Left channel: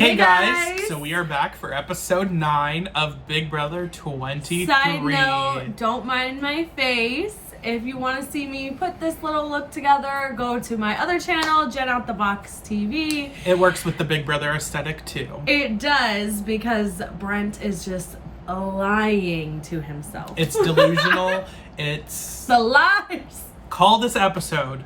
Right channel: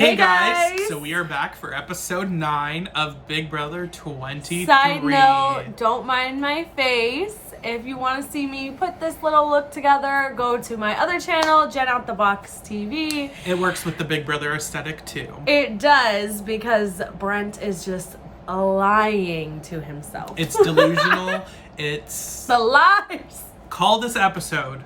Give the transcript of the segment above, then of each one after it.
Hey guys! So we are back for episode 9 of Big Brother 23. Side note, don't mind my face. If you want to see me put this little look together, go to my other channel, Jennoutthebox TV. It works with the Big Brother aesthetic too. It does, because Brent is just lying to himself. It's delusional. It's... the lies! Call this episode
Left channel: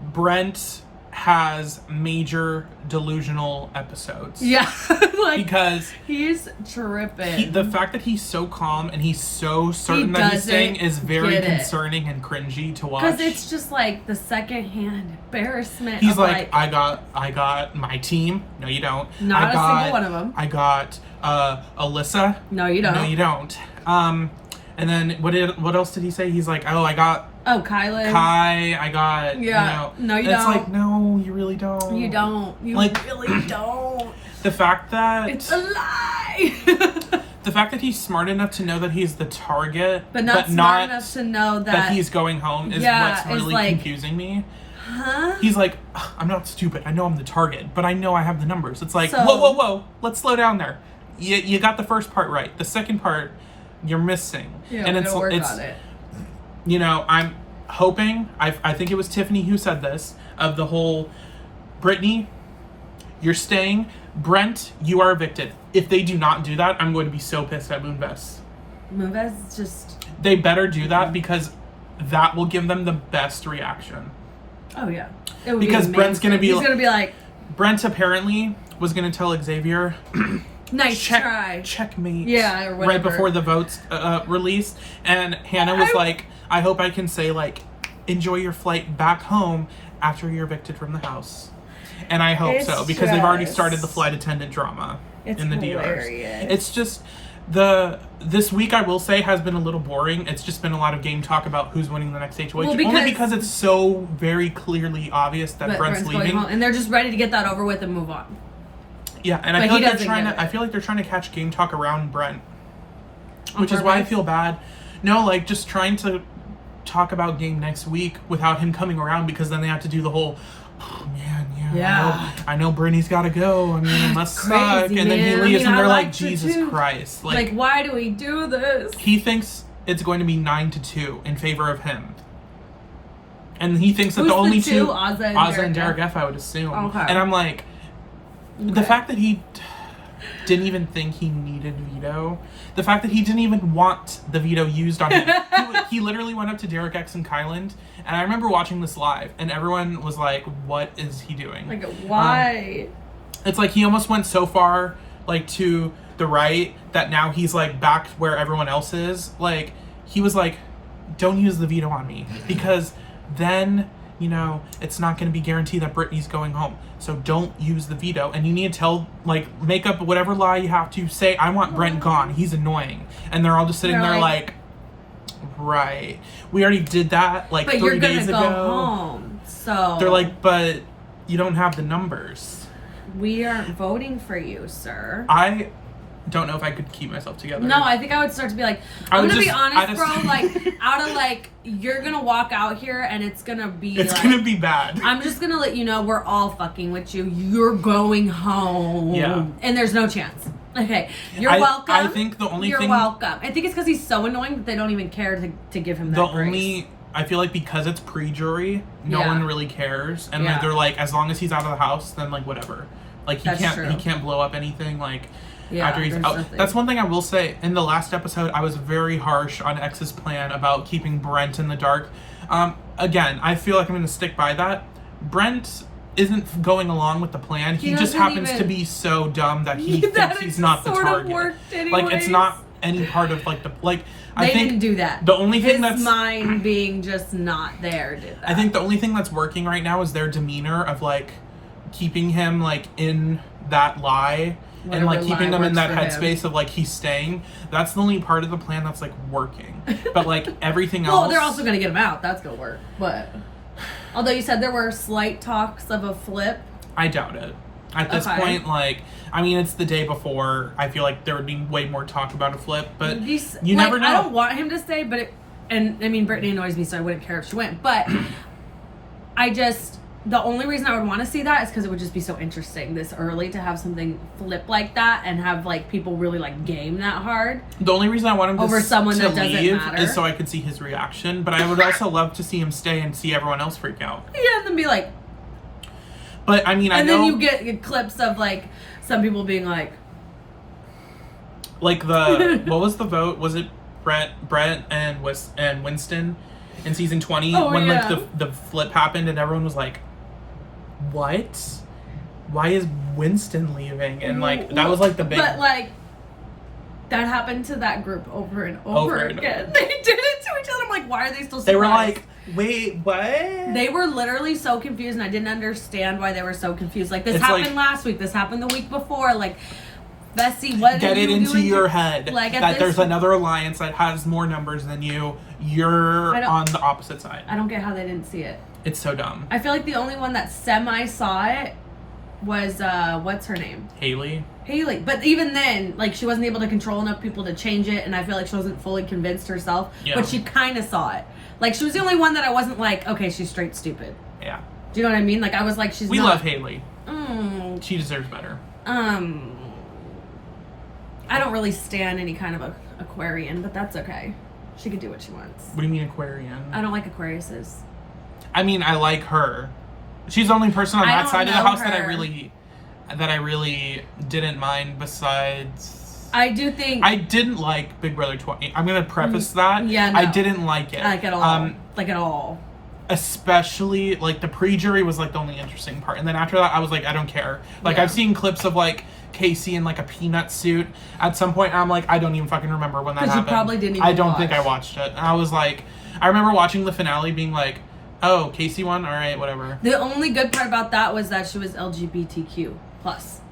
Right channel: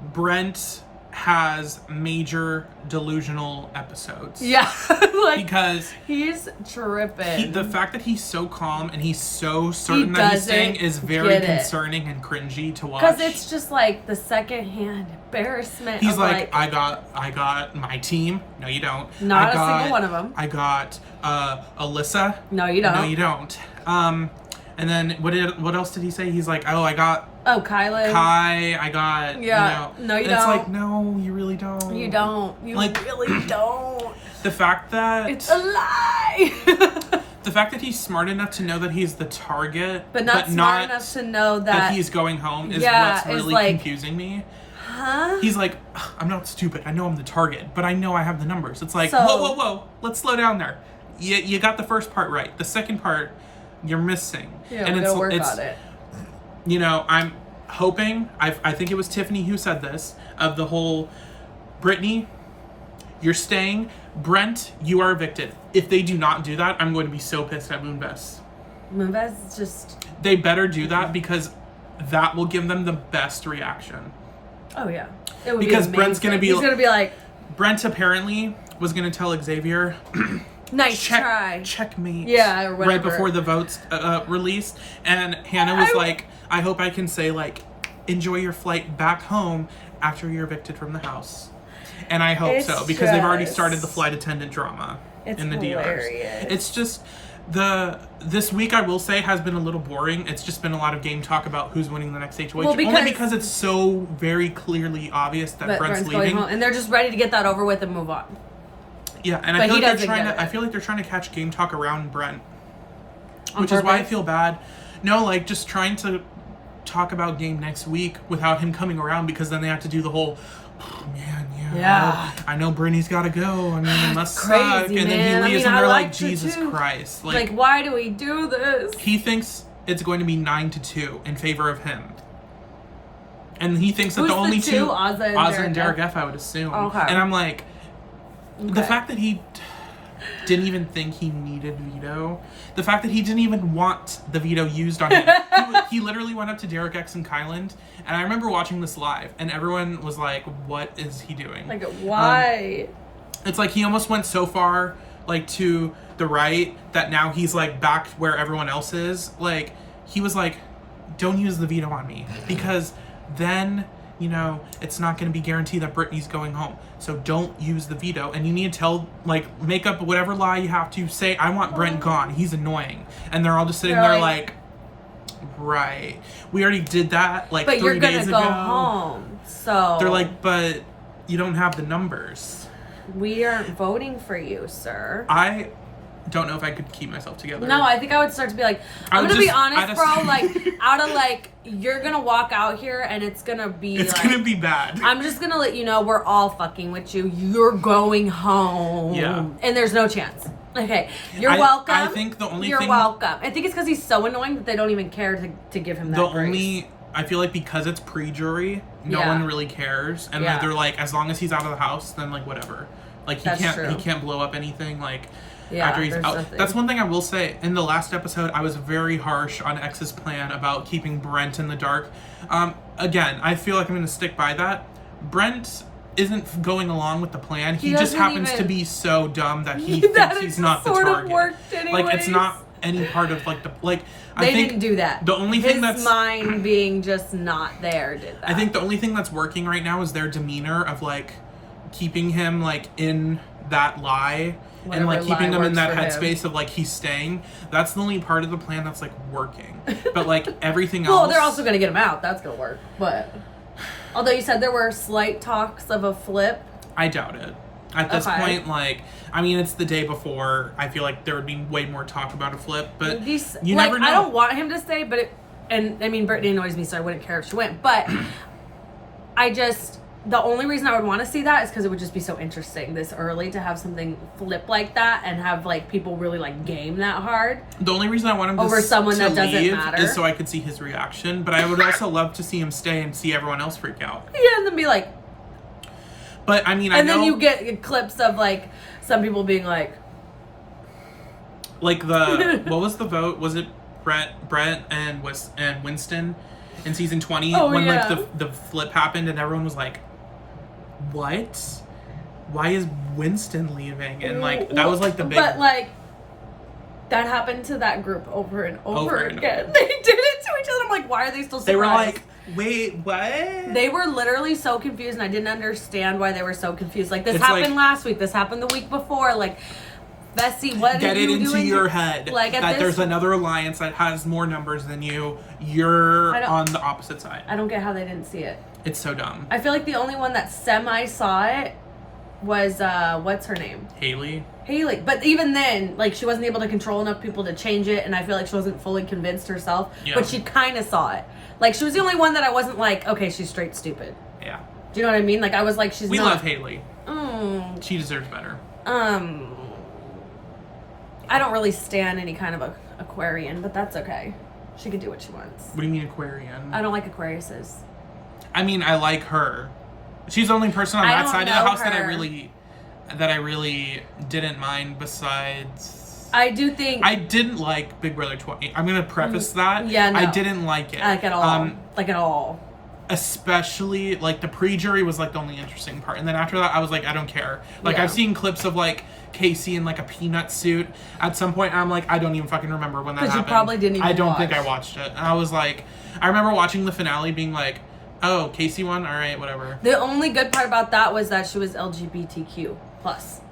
Brent has major delusional episodes. Yeah. Like, because he's tripping. the fact that he's so calm and he's so certain that he's staying is very concerning and cringy to watch. Because it's just like the secondhand embarrassment. He's like, I got my team. No, you don't. Not a single one of them. I got Alyssa. No, you don't. No, you don't. And then what else did he say? He's like, I got Kyland. I got, yeah. No, you don't. It's like, no, you really don't. You don't. You like, really don't. The fact that... it's a lie! The fact that he's smart enough to know that he's the target, but not smart enough to know that he's going home is what's really confusing me. Huh? He's like, I'm not stupid. I know I'm the target, but I know I have the numbers. It's like, whoa. Let's slow down there. You got the first part right. The second part, you're missing. Yeah, and it's on it. You know, I'm hoping, I think it was Tiffany who said this, of the whole, Brittini, you're staying. Brent, you are evicted. If they do not do that, I'm going to be so pissed at Moonves. Moonves is just... They better do that because that will give them the best reaction. Oh, yeah. Because Brent's going to be... He's going to be like... Brent apparently was going to tell Xavier... nice try. Checkmate. Yeah, right before the votes released. And Hannah was like, I hope I can say, like, enjoy your flight back home after you're evicted from the house. And I hope so, because they've already started the flight attendant drama in the DRs. It's just, this week, I will say, has been a little boring. It's just been a lot of game talk about who's winning the next HOH. Only because it's so very clearly obvious that Brent's leaving. And they're just ready to get that over with and move on. Yeah, and I feel like they're trying to catch game talk around Brent. Which is why I feel bad. No, like, just trying to talk about game next week without him coming around, because then they have to do the whole, oh man, I know Brittany's gotta go. I mean, it must suck. And then he leaves and they're like, Jesus Christ. Like, why do we do this? He thinks it's going to be 9-2 in favor of him. And he thinks that the only two, Azah and Derek F, I would assume. Okay. And I'm like, the fact that he didn't even think he needed Veto, the fact that he didn't even want the Veto used on him. He literally went up to Derek X and Kyland, and I remember watching this live, and everyone was like, what is he doing? Like, why? It's like he almost went so far, like, to the right, that now he's, like, back where everyone else is. Like, he was like, don't use the Veto on me, because then... you know, it's not going to be guaranteed that Brittany's going home. So don't use the Veto. And you need to tell, like, make up whatever lie you have to say, I want Brent gone. He's annoying. And they're all just sitting there like, right. We already did that, like, 3 days ago. Go home, so... They're like, but you don't have the numbers. We aren't voting for you, sir. I don't know if I could keep myself together. No, I think I would start to be like, I'm gonna be honest, bro, like, out of, like, you're gonna walk out here and it's gonna be gonna be bad. I'm just gonna let you know we're all fucking with you. You're going home. Yeah. And there's no chance. Okay. You're welcome. I think the only thing... You're welcome. I think it's because he's so annoying that they don't even care to give him that grace. I feel like because it's pre-jury, no one really cares. And they're like, as long as he's out of the house, then, like, whatever. Like, he can't blow up anything, like... after he's out. Nothing. That's one thing I will say. In the last episode, I was very harsh on X's plan about keeping Brent in the dark. Again, I feel like I'm going to stick by that. Brent isn't going along with the plan. He just happens to be so dumb that he thinks he's not the target. Like, it's not any part of, like, the... like. I think didn't do that. The only thing that's... his mind being just not there did that. I think the only thing that's working right now is their demeanor of, like, keeping him, like, in that lie... and, like, keeping them in that headspace of, like, he's staying. That's the only part of the plan that's, like, working. But, like, everything else... well, they're also going to get him out. That's going to work. But, although you said there were slight talks of a flip. I doubt it. At this point, like, I mean, it's the day before. I feel like there would be way more talk about a flip. But you never know. I don't want him to stay, but and, I mean, Brittany annoys me, so I wouldn't care if she went. But I just... the only reason I would want to see that is because it would just be so interesting this early to have something flip like that and have like people really like game that hard. The only reason I want him over someone to that leave matter. is so I could see his reaction. But I would also love to see him stay and see everyone else freak out. Yeah, and then be like. But I mean, I know. And then you get clips of like some people being like the what was the vote? Was it Brent and Winston in season 20 when like the flip happened and everyone was like, what? Why is Winston leaving? And like that was like the big. But like that happened to that group over and over again. They did it to each other. I'm like, why are they still surprised? They were like, wait, what? They were literally so confused, and I didn't understand why they were so confused. Like this happened last week. This happened the week before. Like, Bessie, what get it into your head like, that there's another alliance that has more numbers than you. You're on the opposite side. I don't get how they didn't see it. It's so dumb. I feel like the only one that semi saw it was what's her name? Haley. But even then, like, she wasn't able to control enough people to change it, and I feel like she wasn't fully convinced herself. Yeah. But she kind of saw it. Like, she was the only one that I wasn't like, okay, she's straight stupid. Yeah. Do you know what I mean? Like, I was like, We love Haley. She deserves better. I don't really stand any kind of Aquarian, but that's okay. She could do what she wants. What do you mean Aquarian? I don't like Aquariuses. I mean, I like her. She's the only person on that side of the house that I really didn't mind. Besides, I do think I didn't like Big Brother 20. I'm gonna preface that. Yeah, no. I didn't like it. Like at all. Like at all. Especially like the pre-jury was like the only interesting part, and then after that, I was like, I don't care. Like I've seen clips of like Casey in like a peanut suit. At some point, I'm like, I don't even fucking remember when that happened. You probably didn't even I don't think I watched it. And I was like, I remember watching the finale, being like, oh, Casey won? All right, whatever. The only good part about that was that she was LGBTQ plus.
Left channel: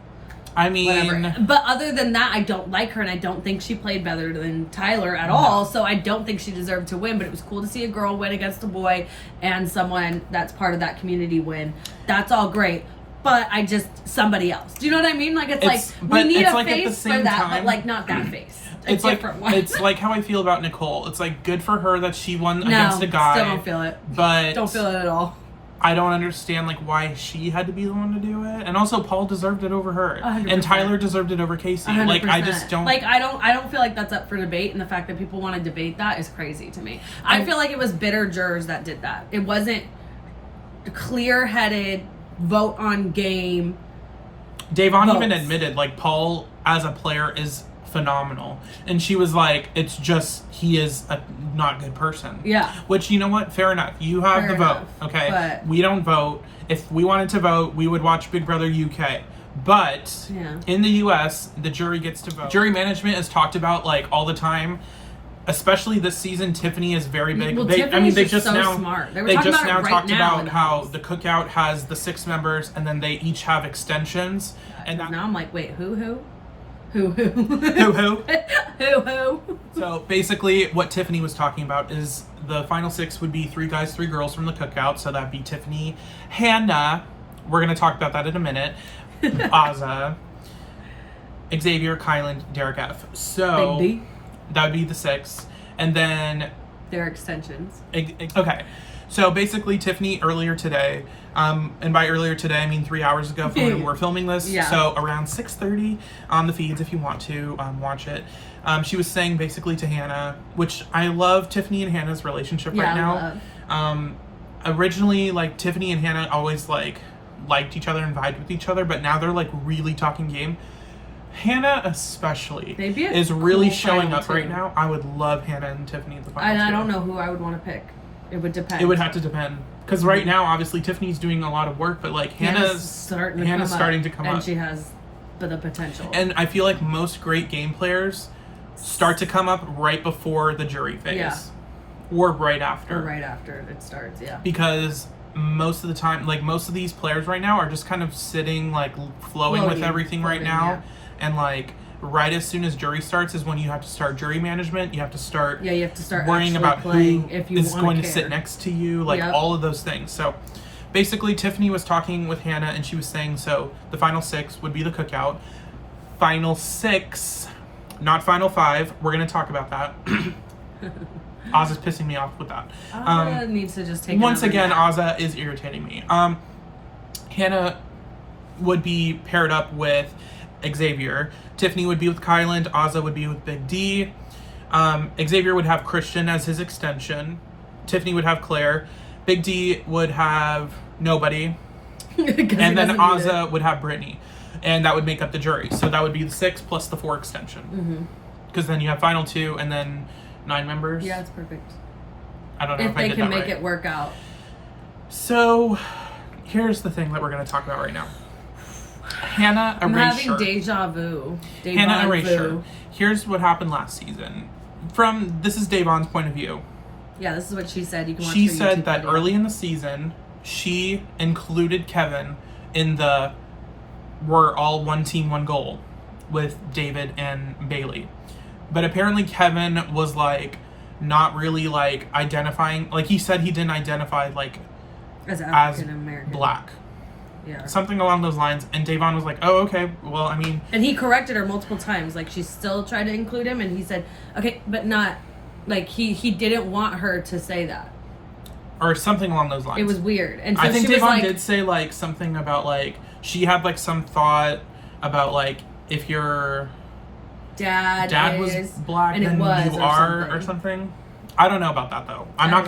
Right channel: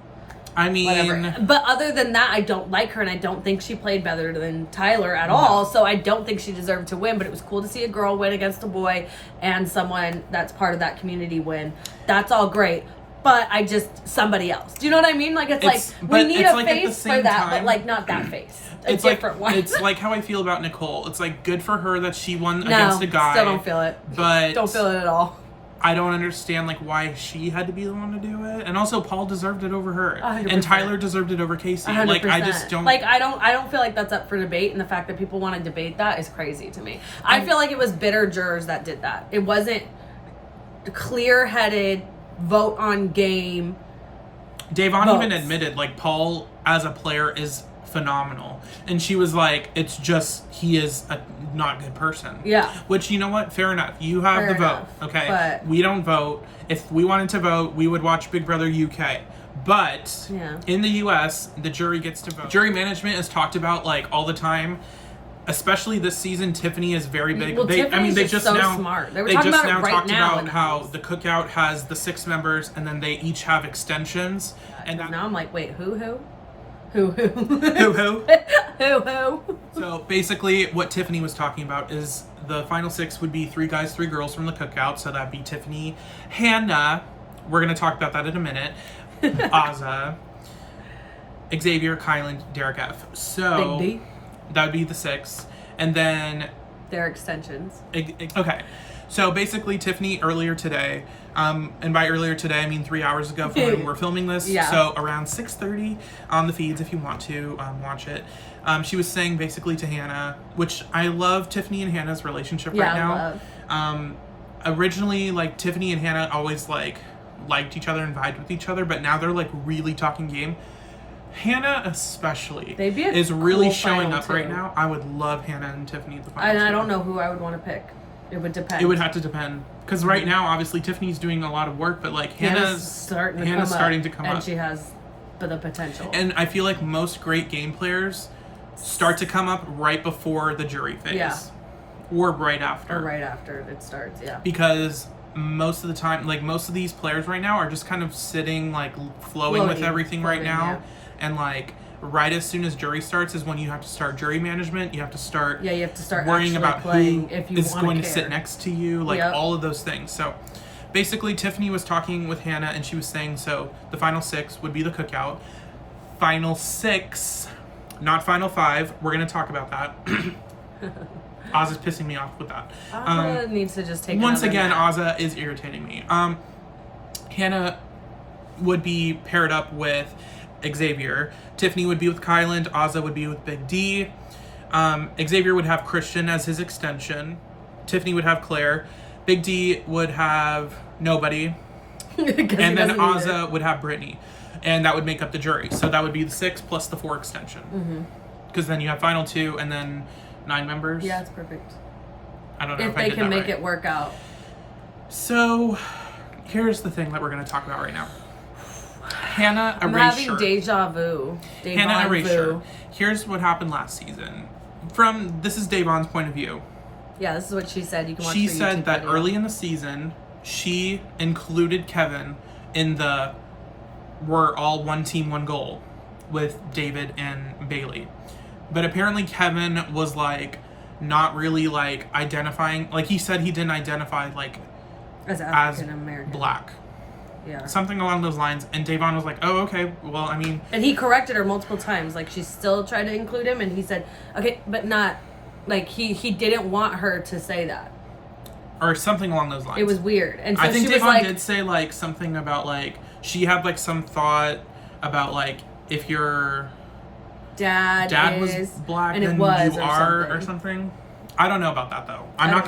I mean... Whatever. But other than that, I don't like her, and I don't think she played better than Tyler at all, so I don't think she deserved to win, but it was cool to see a girl win against a boy and someone that's part of that community win. That's all great. But I just... somebody else. Do you know what I mean? Like, it's like, we need a face for that, but like, not that face. It's different one. It's like how I feel about Nicole. It's like good for her that she won against a guy. Still don't feel it. But don't feel it at all. I don't understand like why she had to be the one to do it. And also Paul deserved it over her. 100%. And Tyler deserved it over Casey. 100%. Like I just don't like I don't feel like that's up for debate, and the fact that people want to debate that is crazy to me. I feel like it was bitter jurors that did that. It wasn't clear-headed vote on game. Davon even admitted like Paul as a player is phenomenal, and she was like, it's just he is a not good person. Yeah, which, you know what, fair enough, you have the vote, okay, but we don't vote. If we wanted to vote, we would watch Big Brother UK, but in the US the jury gets to vote. Jury management is talked about like all the time, especially this season. Tiffany is very big. Well, they just so now smart. They just now talked about how the cookout has the 6 members and then they each have extensions. And now I'm like, wait, who? So basically what Tiffany was talking about is the final 6 would be 3 guys, 3 girls from the cookout. So that'd be Tiffany, Hannah, we're going to talk about that in a minute, Azah, Xavier, Kyland, Derek F. So that would be the 6. And then their extensions. Okay. So basically Tiffany earlier today, and by earlier today I mean 3 hours ago from when we're filming this, so around 6:30 on the feeds if you want to watch it, she was saying basically to Hannah, which I love Tiffany and Hannah's relationship right now. Originally, like, Tiffany and Hannah always liked each other and vibed with each other, but now they're like really talking game. Hannah especially is really showing up right now. I would love Hannah and Tiffany at the finals. And I don't know who I would want to pick. It would depend. It would have to depend. Because right now, obviously, Tiffany's doing a lot of work, but like Hannah's starting to come up. And she has the potential. And I feel like most great game players start to come up right before the jury phase. Yeah. Or right after. Or right after it starts, yeah. Because most of the time, like most of these players right now are just kind of sitting, like flowing with everything right now. Yeah. And like right as soon as jury starts is when you have to start jury management. You have to start worrying about who is going to sit next to you, like all of those things. So basically Tiffany was talking with Hannah and she was saying, so the final 6 would be the cookout. Final 6, not final 5. We're going to talk about that. Azah's pissing me off with that. Azah needs to just take once again, Azah is irritating me. Hannah would be paired up with Xavier. Tiffany would be with Kyland. Azah would be with Big D. Xavier would have Christian as his extension. Tiffany would have Claire. Big D would have nobody. And then Azah would have Brittini. And that would make up the jury. So that would be the 6 plus the 4 extension. Because then you have final 2 and then 9 members. Yeah, it's perfect. I don't know if I did that right. If they can make it work out. So here's the thing that we're going to talk about right now. Hannah Erasure. I'm having deja vu. Hannah Erasure. Here's what happened last season. This is Davon's point of view. Yeah, this is what she said. You can watch She said that early in the season, she included Kevin in the we're all one team, one goal with David and Bailey. But apparently Kevin was like not really like identifying, like he said he didn't identify like as black. Yeah. Something along those lines. And Davon was like, oh, okay, well, I mean. And he corrected her multiple times. Like, she still tried to include him, and he said, okay, but not, like, he didn't want her to say that. Or something along those lines. It was weird. And so I think Davon did say, like, something about, like, she had, like, some thought about, like, if your dad was black, then you are, or something. I don't know about that, though. I'm not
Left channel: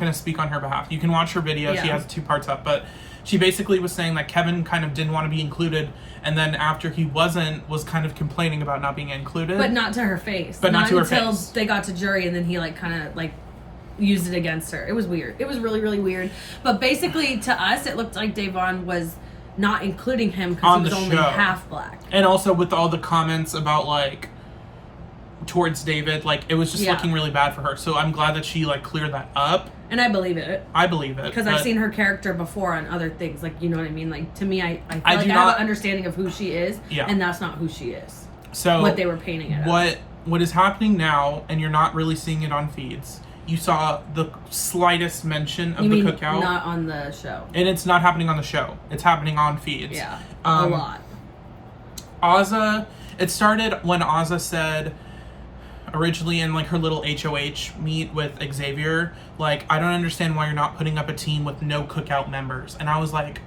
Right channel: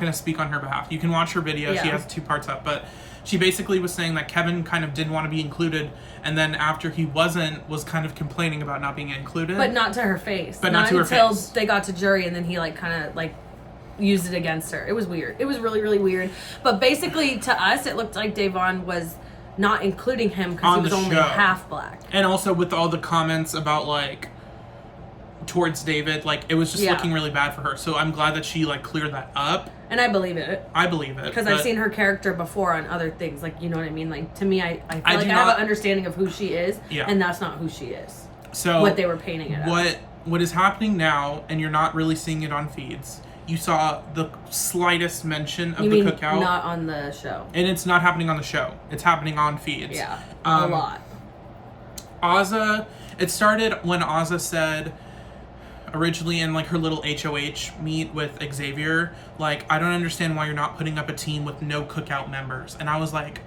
gonna speak on her behalf. You can watch her video. Yeah. She has 2 parts up, but she basically was saying that Kevin kind of didn't want to be included, and then after he wasn't, was kind of complaining about not being included. But not to her face. But not to her face. Until they got to jury, and then he, like, kind of, like, used it against her. It was weird. It was really, really weird. But basically, to us, it looked like Davon was not including him because he was only half black. And also with all the comments about, like, towards David, like, it was just looking really bad for her. So I'm glad that she, like, cleared that up. And I believe it. I believe it. Because I've seen her character before on other things. Like, you know what I mean? Like, to me, I feel like I have an understanding of who she is. Yeah. And that's not who she is. So what they were painting it as. What is happening now, and you're not really seeing it on feeds, you saw the slightest mention of the cookout. Not on the show. And it's not happening on the show. It's happening on feeds. Yeah. A lot. Azah, it started when Azah said, originally in like her little HOH meet with Xavier, like, I don't understand why you're not putting up a team with no cookout members. And I was like,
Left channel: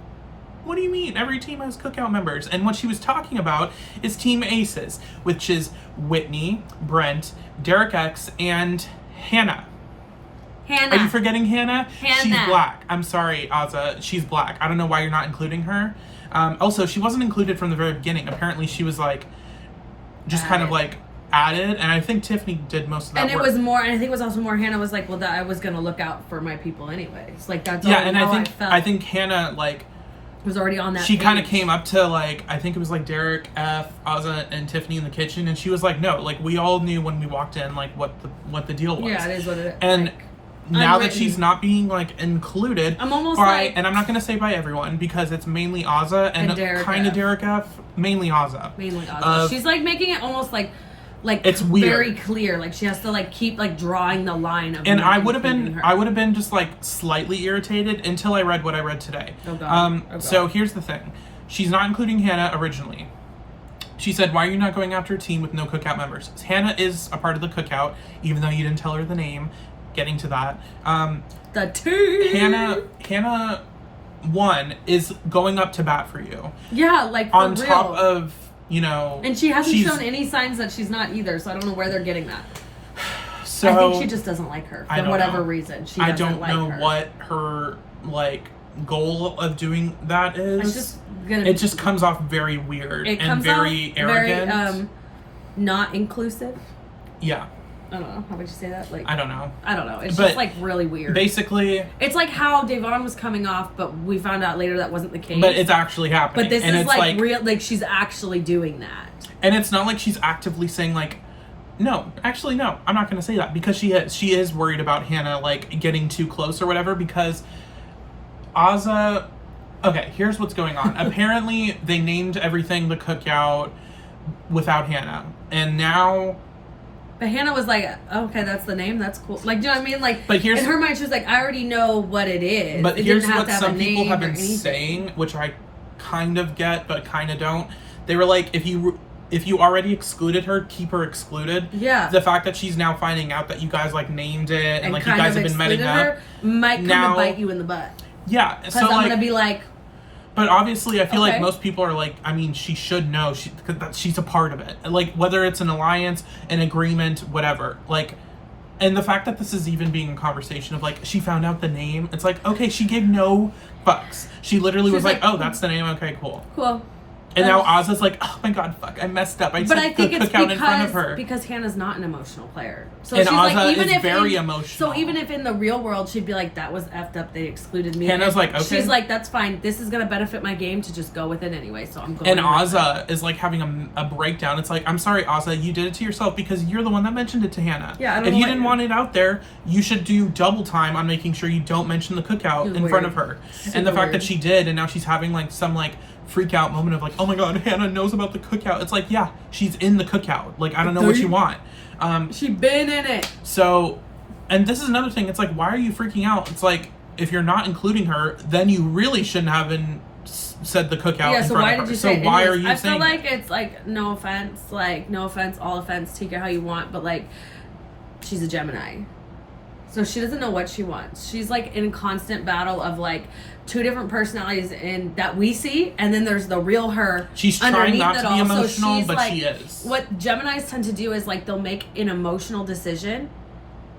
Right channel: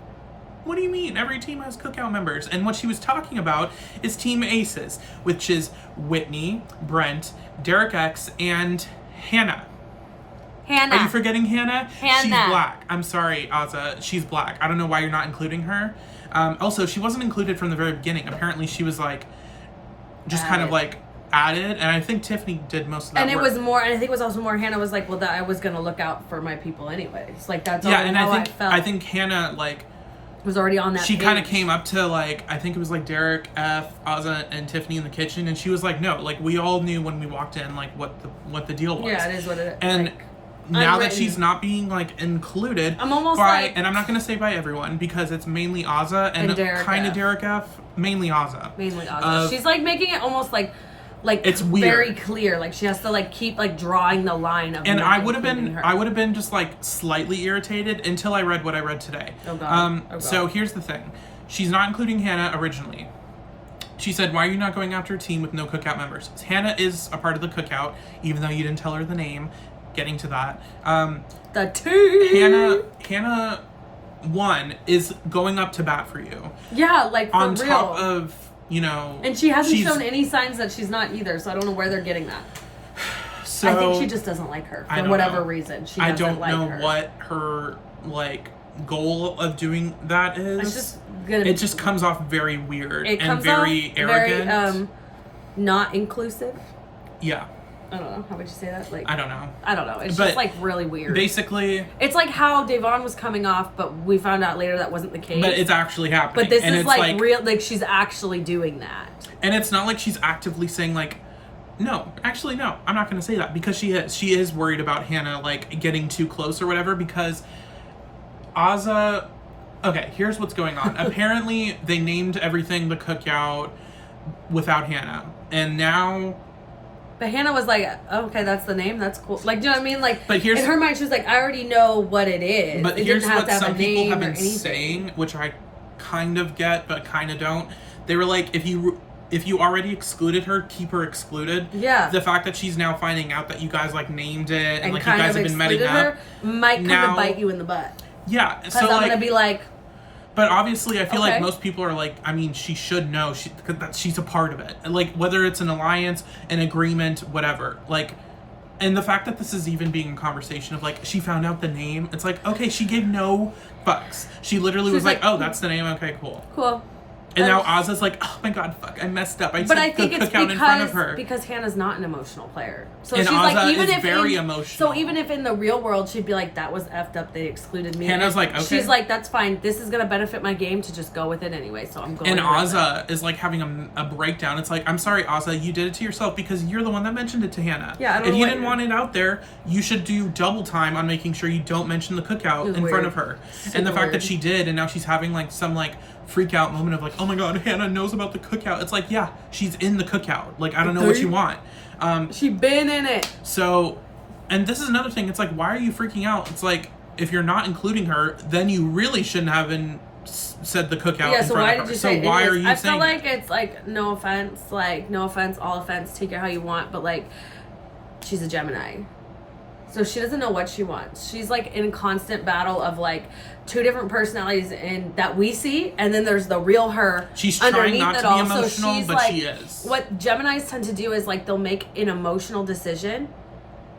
what do you mean? Every team has cookout members. And what she was talking about is Team Aces, which is Whitney, Brent, Derek X, and Hannah. Are you forgetting Hannah? She's black. I'm sorry, Azah. She's black. I don't know why you're not including her. Also, she wasn't included from the very beginning. Apparently, she was like, just kind of like added, and I think Tiffany did most of that work. And it was more, and I think it was also more Hannah was like, well, that I was gonna look out for my people anyways. Like, that's and I think Hannah, like, was already on that she kind of came up to, like, I think it was like Derek, F, Azah, and Tiffany in the kitchen, and she was like, no, like, we all knew when we walked in, like, what the deal was. Yeah, it is what it is. And like, now that she's not being, like, included, I'm almost like, and I'm not gonna say by everyone, because it's mainly Azah and kind of Derek F, mainly Azah. Mainly Azah. She's like making it almost like it's weird. Very clear. Like, she has to, like, keep, like, drawing the line of. And I would have been just, like, slightly irritated until I read what I read today. Oh God. So here's the thing. She's not including Hannah originally. She said, why are you not going after a team with no cookout members? Hannah is a part of the cookout, even though you didn't tell her the name. Getting to that. The team. Hannah 1 is going up to bat for you. Yeah, like, on top of, you know, and she hasn't shown any signs that she's not either, so I don't know where they're getting that. So I think she just doesn't like her for whatever reason. I don't know what her, like, goal of doing that is. It just comes off very weird and very arrogant. Very, not inclusive. Yeah. I don't know. How would you say that? Like, I don't know. It's just, like, really weird. Basically, it's like how Davon was coming off, but we found out later that wasn't the case. But it's actually happening. But this is like real. Like, she's actually doing that. And it's not like she's actively saying, like, no, actually, no, I'm not going to say that, because she is worried about Hannah, like, getting too close or whatever, because Azah. Okay, here's what's going on. Apparently, they named everything the cookout without Hannah, and now. But Hannah was like, oh, okay, that's the name. That's cool. Like, do you know what I mean? Like, but in her mind, she was like, I already know what it is. But here's what some people have been saying, which I kind of get, but kind of don't. They were like, if you already excluded her, keep her excluded. Yeah. The fact that she's now finding out that you guys, like, named it and like, you guys have been meeting up. Might come to bite you in the butt. Yeah. Because I'm going to be like, But obviously, I feel like most people are like, I mean, she should know she's a part of it. Like, whether it's an alliance, an agreement, whatever. Like, and the fact that this is even being a conversation of like, she found out the name. It's like, okay, she gave no fucks. She literally was like, oh, that's the name. Okay, cool. Cool. And now Azah's like, oh my god, fuck, I messed up. I took the cookout in front of her. Because Hannah's not an emotional player. So and she's Azah like, is very emotional. So even if in the real world she'd be like, that was effed up, they excluded me. Hannah's like, okay. She's like, that's fine. This is going to benefit my game to just go with it anyway, so I'm going And Azah is like having a breakdown. It's like, I'm sorry, Azah, you did it to yourself because you're the one that mentioned it to Hannah. Yeah, if you didn't want it out there, you should do double time on making sure you don't mention the cookout in front of her. And the fact that she did, and now she's having like some like freak out moment of like, oh my god, Hannah knows about the cookout. It's like, yeah, she's in the cookout. Like, I don't know what you want. She been in it. So, and this is another thing. It's like, why are you freaking out? It's like, if you're not including her, then you really shouldn't have said the cookout in front of her. So why are you saying I feel like it's like, no offense, all offense, take it how you want, but like, she's a Gemini. So she doesn't know what she wants. She's like in constant battle of like two different personalities in that we see, and then there's the real her. She's trying not to be emotional, but she is. What Geminis tend to do is like they'll make an emotional decision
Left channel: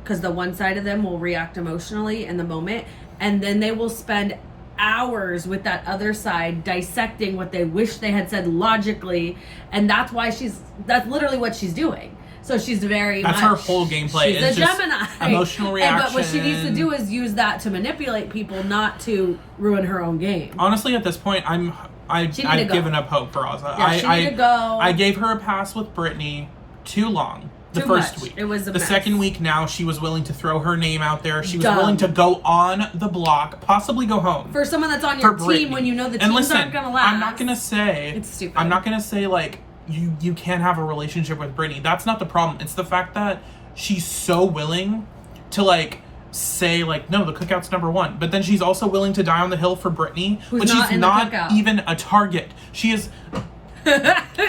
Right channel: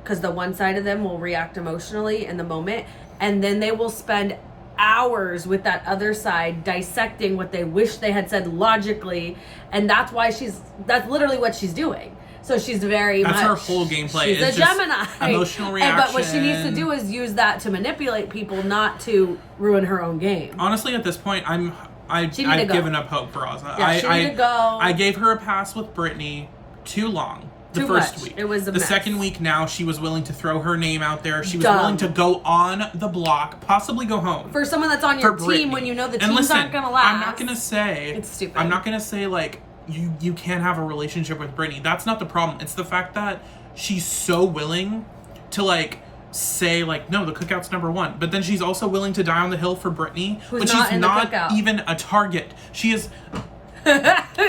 because the one side of them will react emotionally in the moment, and then they will spend hours with that other side dissecting what they wish they had said logically, and that's literally what she's doing. So she's that's her whole gameplay. She's a Gemini. Emotional reaction. But what she needs to do is use that to manipulate people, not to ruin her own game. Honestly, at this point, I've given up hope for Azah. Yeah, she need to go. I gave her a pass with Brittini too long. The first week. It was the second week now, she was willing to throw her name out there. She was willing to go on the block, possibly go home. For someone that's on your team when you know the teams aren't going to last. I'm not going to say... It's stupid. I'm not going to say, like, you can't have a relationship with Brittini. That's not the problem. It's the fact that she's so willing to, like, say, like, no, the cookout's number one. But then she's also willing to die on the hill for Brittini when she's not even a target. She is...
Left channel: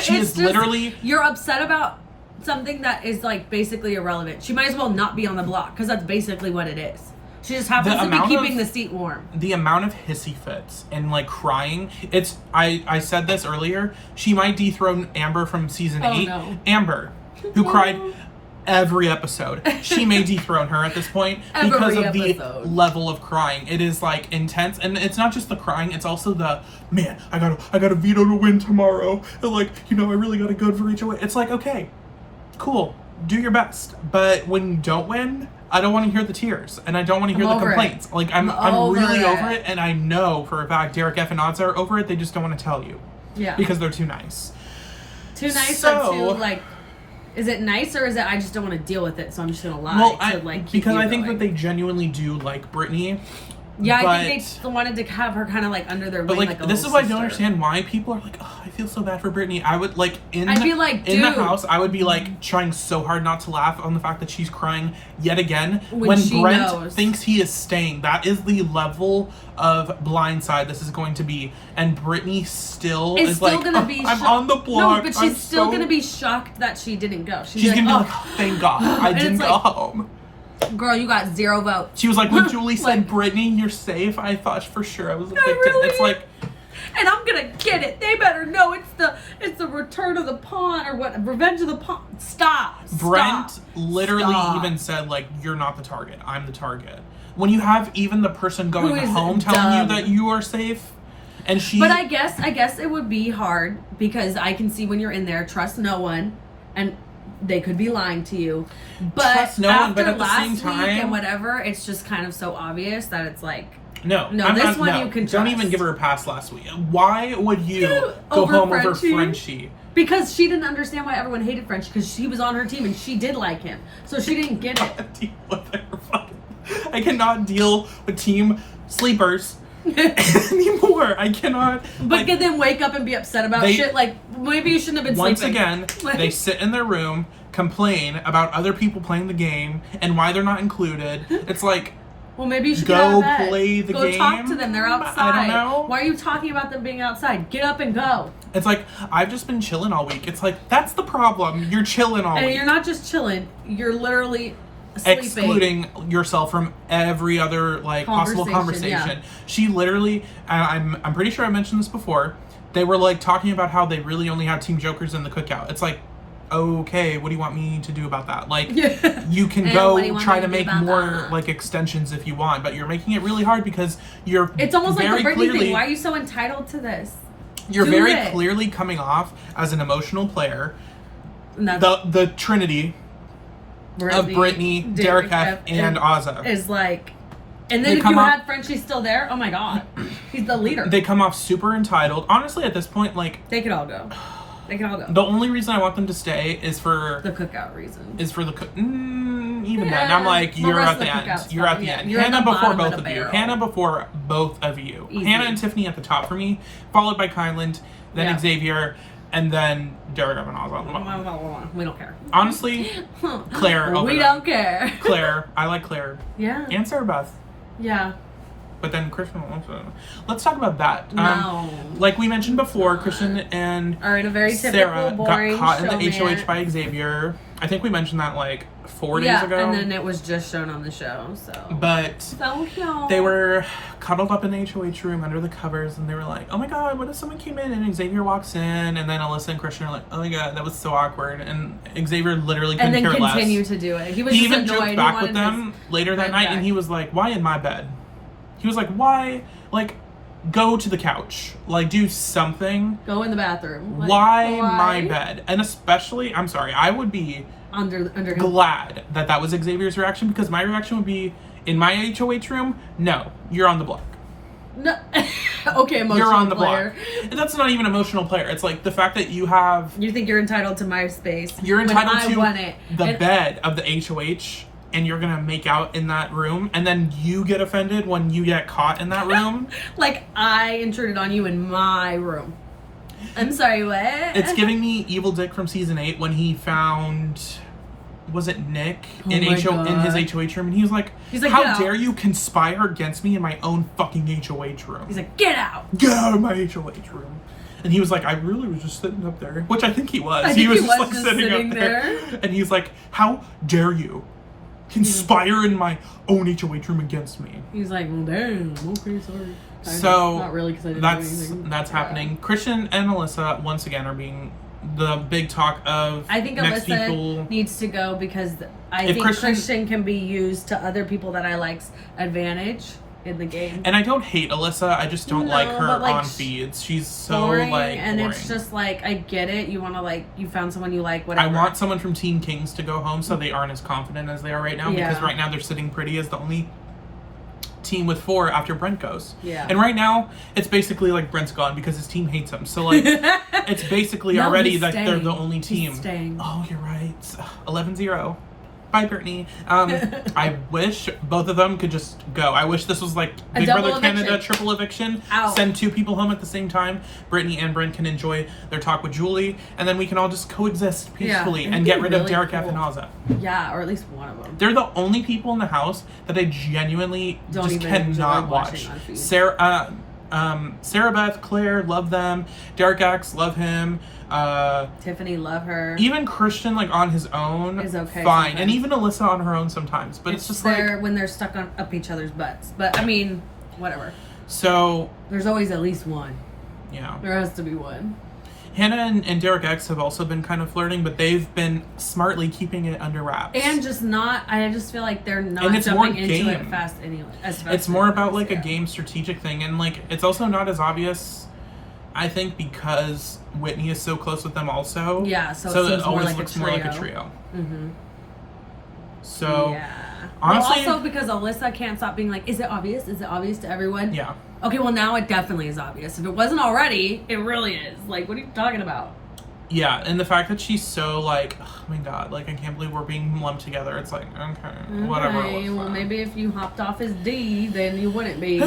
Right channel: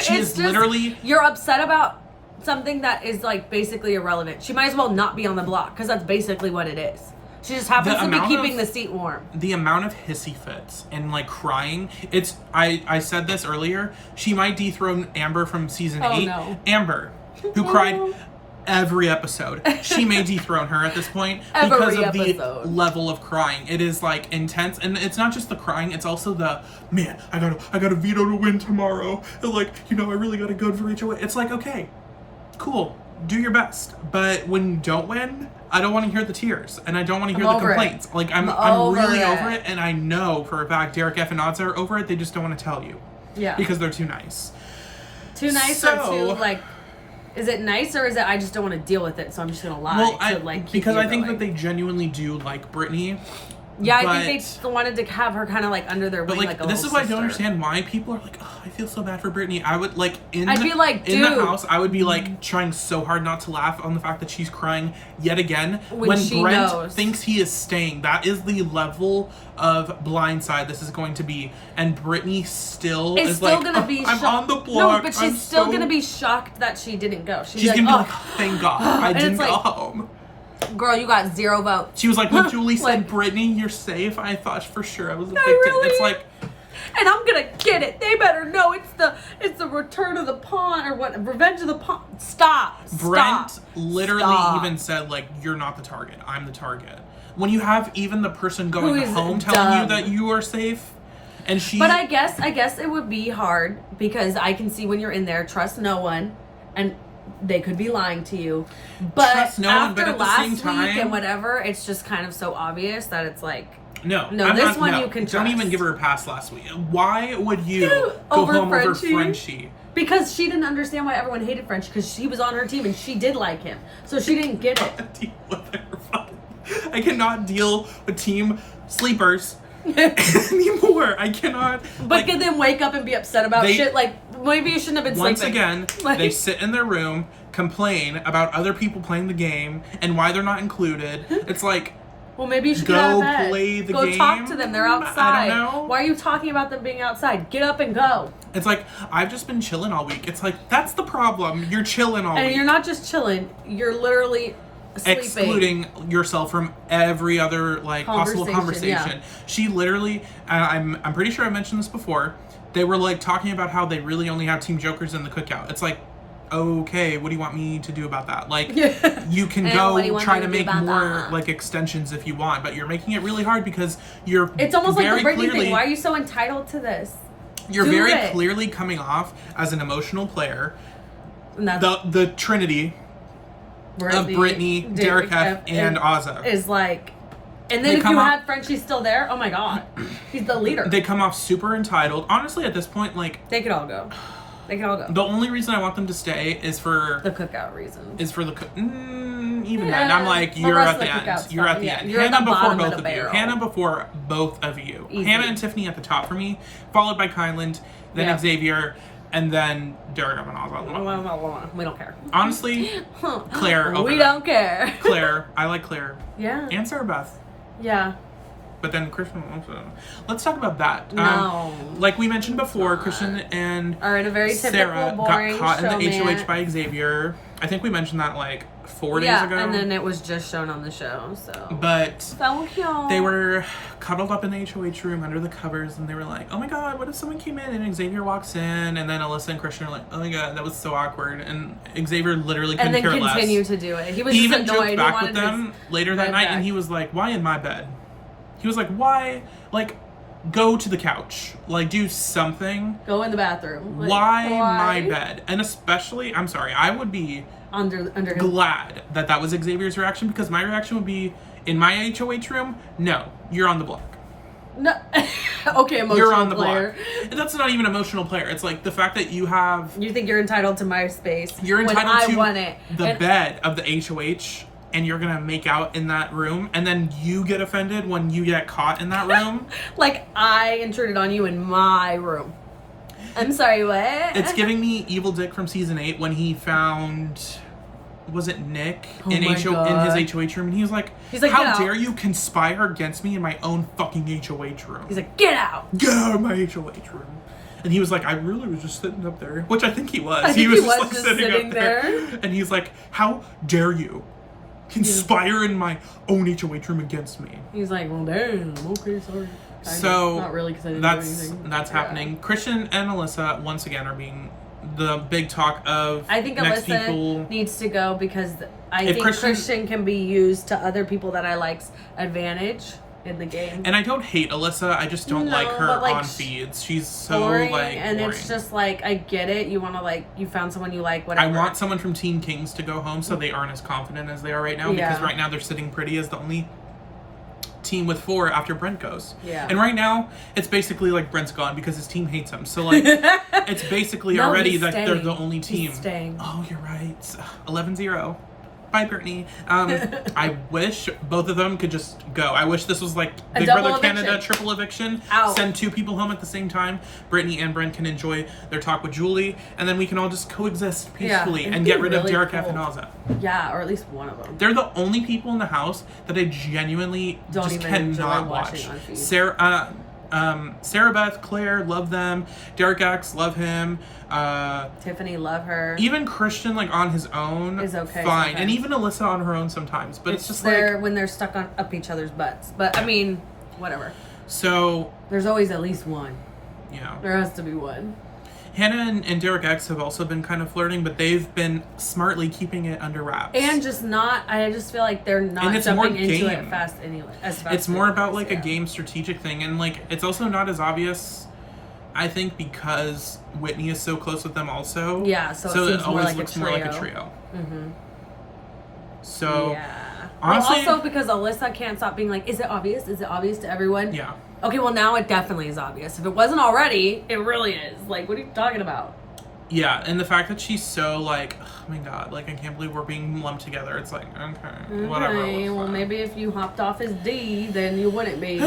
she is literally... You're upset about something that is like basically irrelevant. She might as well not be on the block because that's basically what it is. She just happens to be keeping the seat warm. The amount of hissy fits and like crying, it's I said this earlier, she might dethrone Amber from season 8. No. Amber, who cried every episode. She may dethrone her at this point because of the level of crying. It is like intense, and it's not just the crying, it's also the man, I got a Veto to win tomorrow. And like, I really got to go for each way. It's like, okay, cool, do your best, but when you don't win, I don't want to hear the tears, and I don't want to hear the complaints. Like, I'm really over it, and I know for a fact Derek F and Azah are over it. They just don't want to tell you. Yeah. Because they're too nice. Too nice or too, like, is it nice or is it I just don't want to deal with it, so I'm just going to lie because I think that they genuinely do like Brittini. Yeah, I think they wanted to have her kind of like under their wing. But like this is why I don't understand why people are like, oh, I feel so bad for Brittini. I would like in the house, I would be like trying so hard not to laugh on the fact that she's crying yet again when Brent thinks he is staying. That is the level of blindside this is going to be, and Brittini still is like, I'm on the block. No, but she's still gonna be shocked that she didn't go. She's gonna be like, oh, thank God, I didn't go home. Girl, you got 0 votes. She was like, when Julie said, Brittini, you're safe, I thought for sure I was a victim. It's like... And I'm gonna get it. They better know it's the return of the pawn, or what, revenge of the pawn. Stop. Brent literally even said, like, you're not the target, I'm the target. When you have even the person going home telling you that you are safe, and she... But I guess it would be hard, because I can see when you're in there, trust no one, and... They could be lying to you, but trust no one. But at the same time, and whatever, it's just kind of so obvious that it's like, no, you can trust. Don't even give her a pass last week. Why would you go home over Frenchie? Because she didn't understand why everyone hated Frenchie, because she was on her team and she did like him, so she didn't get it. I cannot deal with team sleepers anymore. I cannot. But can then wake up and be upset about shit. Like, maybe you shouldn't have been once sleeping. Again, they sit in their room, complain about other people playing the game and why they're not included. It's like, well, maybe you should go play the game. Go talk to them. They're outside. I don't know. Why are you talking about them being outside? Get up and go. It's like, I've just been chilling all week. It's like, that's the problem. You're chilling all week. And you're not just chilling. You're literally excluding yourself from every other like possible conversation. She literally, I'm pretty sure I mentioned this before. They were like talking about how they really only have Team Jokers in the cookout. It's like, okay, what do you want me to do about that? Like, you can go try to make more like extensions if you want, but you're making it really hard because you're. It's almost like the Brittini thing. Why are you so entitled to this? You're very clearly coming off as an emotional player. The Trinity of Brittini, Derek F, and Azah is like, and then if you had Frenchie still there, oh my god, he's the leader. They come off super entitled. Honestly, at this point, like they could all go. They can all go. The only reason I want them to stay is for the cookout reason. Is for the even then, I'm like, you're at the end. You're at the end. Hannah before both of you. Hannah before both of you. Hannah and Tiffany at the top for me, followed by Kyland, then Xavier, and then Derek and Azah. We don't care. Honestly, Claire over We don't care. Claire. I like Claire. Yeah. And Sarah Beth. Yeah. But then Christian also. Let's talk about that. No. Like we mentioned before, Christian and Sarah got caught in the HOH by Xavier. I think we mentioned that like 4 days ago. And then it was just shown on the show. But so cute. They were cuddled up in the HOH room under the covers, and they were like, "Oh my god, what if someone came in and Xavier walks in?" And then Alyssa and Christian are like, "Oh my god, that was so awkward." And Xavier literally couldn't care less. And then continued to do it. He even joked back with them later that night, and he was like, "Why in my bed?" He was like, "Why? Like, go to the couch. Like, do something. Go in the bathroom. Like, why my bed?" And especially, I'm sorry, I would be under glad that was Xavier's reaction, because my reaction would be, in my HOH room, no, you're on the block. No. Okay, emotional you're on the player. block. And that's not even emotional player. It's like the fact that you think you're entitled to my space. You're entitled to the bed of the HOH. And you're gonna make out in that room, and then you get offended when you get caught in that room. Like I intruded on you in my room. I'm sorry, what? It's giving me Evil Dick from season 8 when he found, was it Nick in his HOH room, and he was like, "How dare you conspire against me in my own fucking HOH room?" He's like, "Get out of my HOH room." And he was like, "I really was just sitting up there," which I think he was. He was just like sitting up there, and he's like, "How dare you conspire in my own HOH room against me?" He's like, "Well, damn, okay, sorry." So not really, that's happening. Christian and Alyssa once again are being the big talk of. I think next Alyssa people needs to go because I think Christian can be used to other people that I like's advantage in the game. And I don't hate Alyssa. I just don't like her on feeds. She's so boring. And it's just like, I get it. You want to you found someone you like, whatever. I want someone from Team Kings to go home so they aren't as confident as they are right now, because right now they're sitting pretty as the only team with 4 after Brent goes. Yeah. And right now it's basically like Brent's gone because his team hates him. So like it's basically already that they're the only team. He's staying. Oh, you're right. 11-0. Bye, Brittini. I wish both of them could just go. I wish this was like Big Brother Canada triple eviction. Send 2 people home at the same time. Brittini and Brent can enjoy their talk with Julie, and then we can all just coexist peacefully and get rid of Derek F and Azah. Yeah, or at least one of them. They're the only people in the house that I genuinely just cannot watch. Sarah Beth, Claire, love them. Derek X, love him. Tiffany, love her. Even Christian, like on his own, is okay. Fine, and even Alyssa on her own sometimes. But it's just like when they're stuck up each other's butts. But I mean, whatever. So there's always at least one. Yeah, there has to be one. Hannah and Derek X have also been kind of flirting, but they've been smartly keeping it under wraps. And just not, I just feel like they're not jumping into it fast anyway. It's more about like a game strategic thing, and like it's also not as obvious, I think, because Whitney is so close with them also. Yeah, so it always looks more like a trio. Mm-hmm. So, honestly... Well, also because Alyssa can't stop being like, is it obvious? Is it obvious to everyone? Yeah. Okay, well now it definitely is obvious. If it wasn't already, it really is. Like, what are you talking about? Yeah, and the fact that she's so like, oh my god, like I can't believe we're being lumped together. It's like, okay, whatever. Well, maybe if you hopped off his D, then you wouldn't be.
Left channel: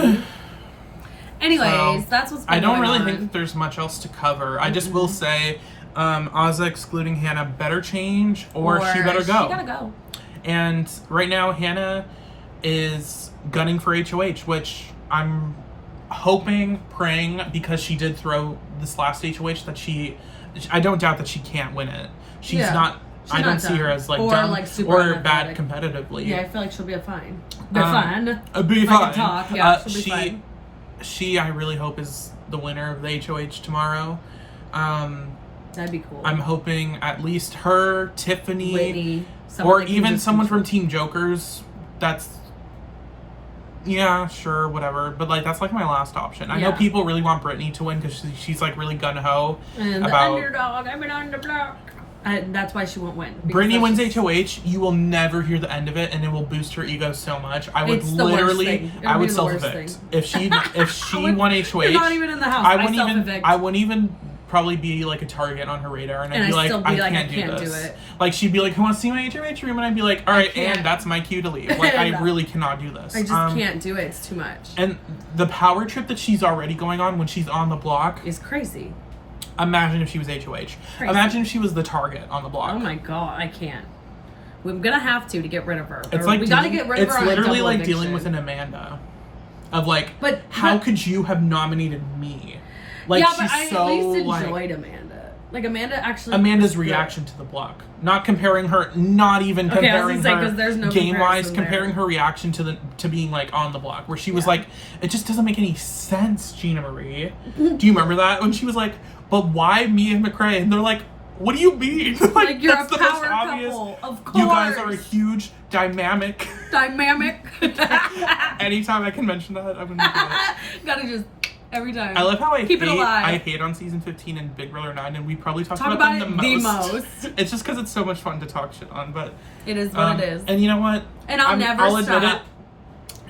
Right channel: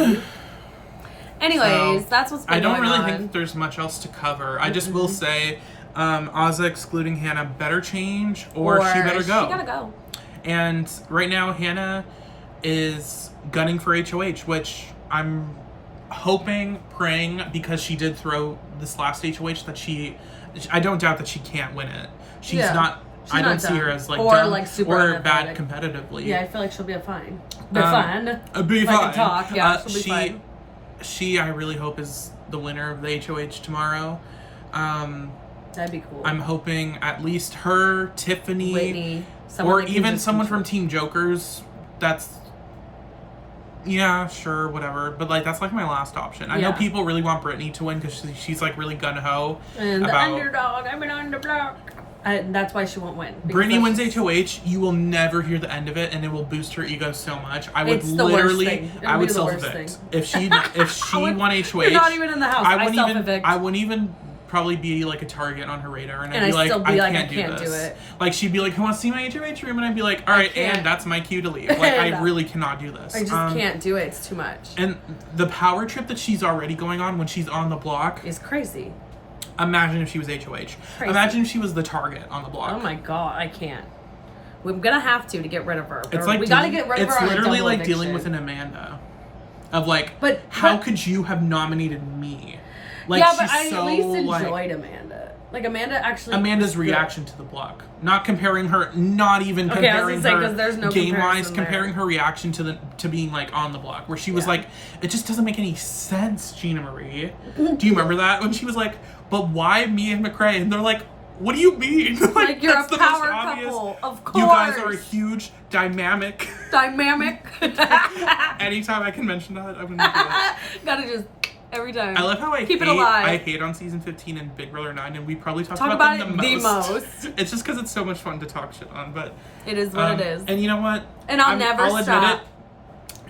Anyways, that's what's been I don't going really on. think there's much else to cover. I just will say, Azah excluding Hannah better change, or she better go. She gotta go. And right now, Hannah is gunning for HOH, which I'm hoping, praying, because she did throw this last HOH, that I don't doubt that she can't win it. She's not I don't see her as like or dumb like super or bad competitively. Yeah, I feel like she'll be fine. Be fine. Be fine. Talk. Yeah, she'll be fine. She, I really hope is the winner of the HOH tomorrow. That'd be cool. I'm hoping at least her, Tiffany, Whitney, or even someone from Team Jokers. That's, yeah, sure, whatever. But like that's like my last option. I know people really want Brittini to win because she's like really gun ho and about the underdog. I've been on the block. That's why she won't win. Brittini wins HOH, you will never hear the end of it, and it will boost her ego so much. I would literally, I would self-evict if she won HOH. You're not even in the house. I wouldn't even probably be like a target on her radar, and I'd be like, I can't do this. Like she'd be like, who wants to see my HOH room? And I'd be like, all right, and that's my cue to leave. Like I really cannot do this. I just can't do it. It's too much. And the power trip that she's already going on when she's on the block is crazy. Imagine if she was HOH. Crazy. Imagine if she was the target on the block. Oh my god, I can't. We're gonna have to get rid of her. It's like we gotta get rid of her. It's literally like dealing with an Amanda. Of like, how could you have nominated me? Like yeah, she's but I so at least enjoyed like Amanda. Like Amanda Amanda's reaction to the block. Not comparing her, not even comparing her game wise, comparing her reaction to being like on the block, where she was like, it just doesn't make any sense, Gina Marie. Do you remember that? When she was like, but why me and McRae? And they're like, what do you mean? Like you're that's a the power most obvious. couple, of course. You guys are a huge dynamic. Anytime I can mention that, I'm gonna do it. Gotta just every time. I love how I keep it alive. I hate on season 15 and Big Brother 9, and we probably talk about them the most. It's just because it's so much fun to talk shit on, but it is what it is. And you know what? And I'll admit it.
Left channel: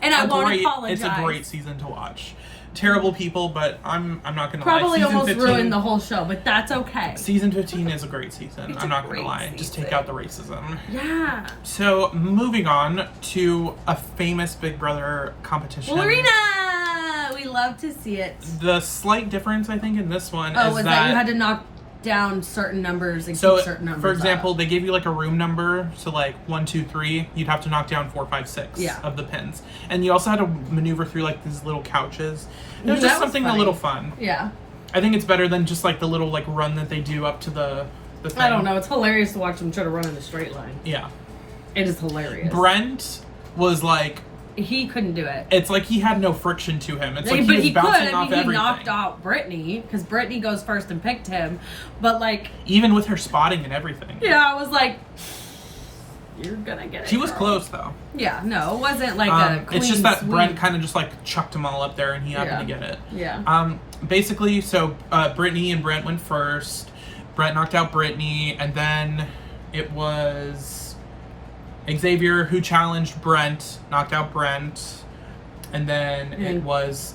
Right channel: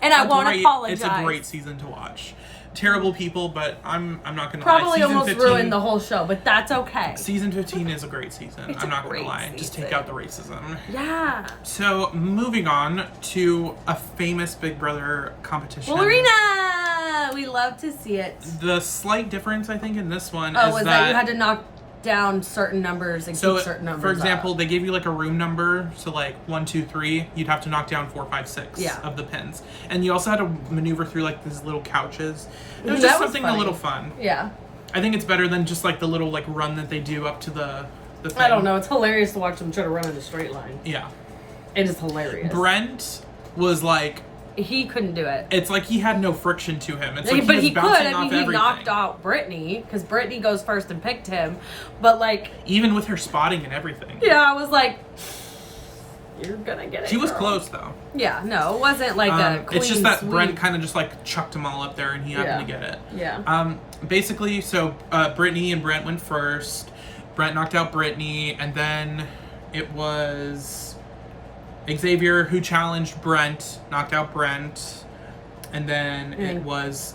And I won't apologize. It's a great season to watch. Terrible people, but I'm not gonna probably lie. Season almost 15, ruined the whole show, but that's okay. Season 15 is a great season. I'm not gonna lie. Just take out the racism. Yeah. So moving on to a famous Big Brother competition. Ballerina! We love to see it. The slight difference I think in this one is that you had to knock down certain numbers and keep certain numbers. For example, they gave you like a room number, so like 1, 2, 3, you'd have to knock down 4, 5, 6 of the pins, and you also had to maneuver through like these little couches. It was just something a little fun. Yeah, I think it's better than just like the little like run that they do up to the thing. I don't know. It's hilarious to watch them try to run in a straight line. Yeah, it is hilarious. Brent was like. He couldn't do it. It's like he had no friction to him. It's like he was bouncing off everything. He knocked out Brittini because Brittini goes first and picked him, but like even with her spotting and everything. Yeah, I was like, you're gonna get it. She was close though. Yeah, no, it wasn't like a clean it's just that sweep. Brent kind of just like chucked them all up there and he happened to get it. Yeah. Basically, so Brittini and Brent went first. Brent knocked out Brittini, and then it was Xavier, who challenged Brent, knocked out Brent, and then it was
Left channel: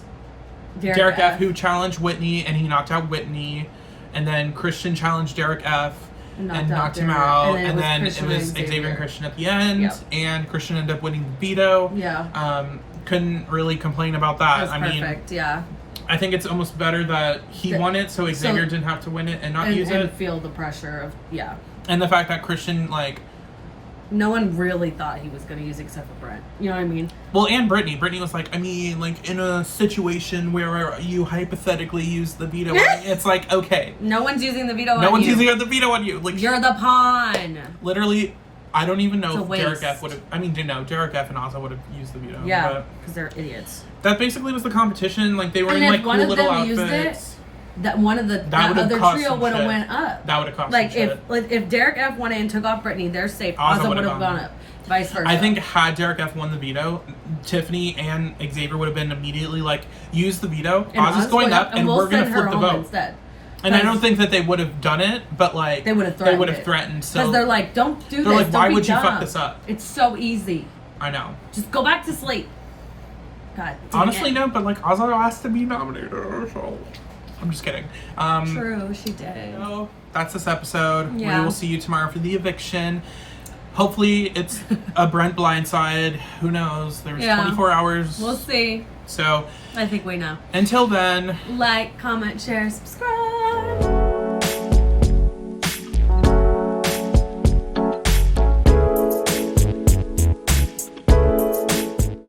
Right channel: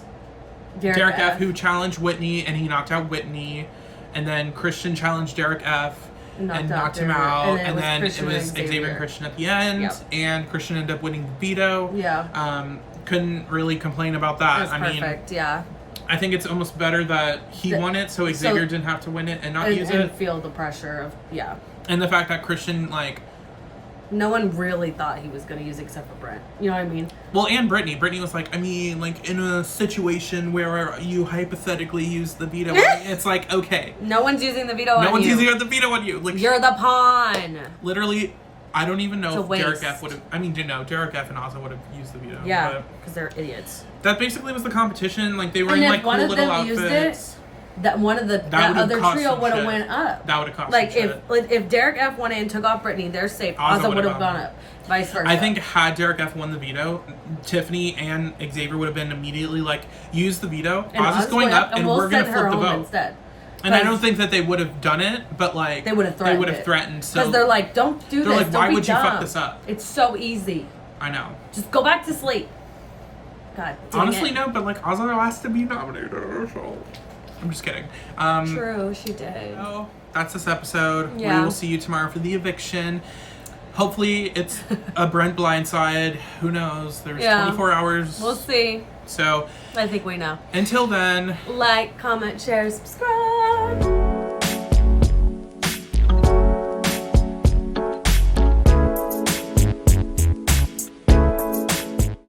Derek F, who challenged Whitney, and he knocked out Whitney, and then Christian challenged Derek F and knocked him out, and then it was Xavier and Christian at the end, and Christian ended up winning the veto. Yeah. Couldn't really complain about that. Perfect, yeah. I think it's almost better that he won it, so Xavier didn't have to win it and not use it. And feel the pressure of, And the fact that Christian, like, no one really thought he was going to use it except for Brent. You know what I mean? Well, and Brittini. Brittini was like, I mean, like, in a situation where you hypothetically use the veto on me, it's like, okay. No one's using the veto on you. No one's using the veto on you. Like, you're the pawn. Literally, I don't even know if Derek F would have... I mean, Derek F and Azah would have used the veto. Yeah, because they're idiots. That basically was the competition. Like, they were in, like, cool little outfits. That one of that other trio would have went up. That would have cost like if Derek F won it and took off Brittini, they're safe. Azah would have gone up. Vice versa. I think had Derek F won the veto, Tiffany and Xavier would have been immediately like, use the veto. Azah's going up, and we're gonna flip the vote instead. And I don't think that they would have done it, but like they would have threatened. So because they're like, don't do this. They're like, why would you fuck this up? It's so easy. I know. Just go back to sleep. God. Honestly, no, but like Azah asked to be nominated, so. I'm just kidding. True, she did. So that's this episode. Yeah. We will see you tomorrow for the eviction. Hopefully it's a Brent blindside. Who knows? There's 24 hours. We'll see. So I think we know. Until then. Like, comment, share, subscribe.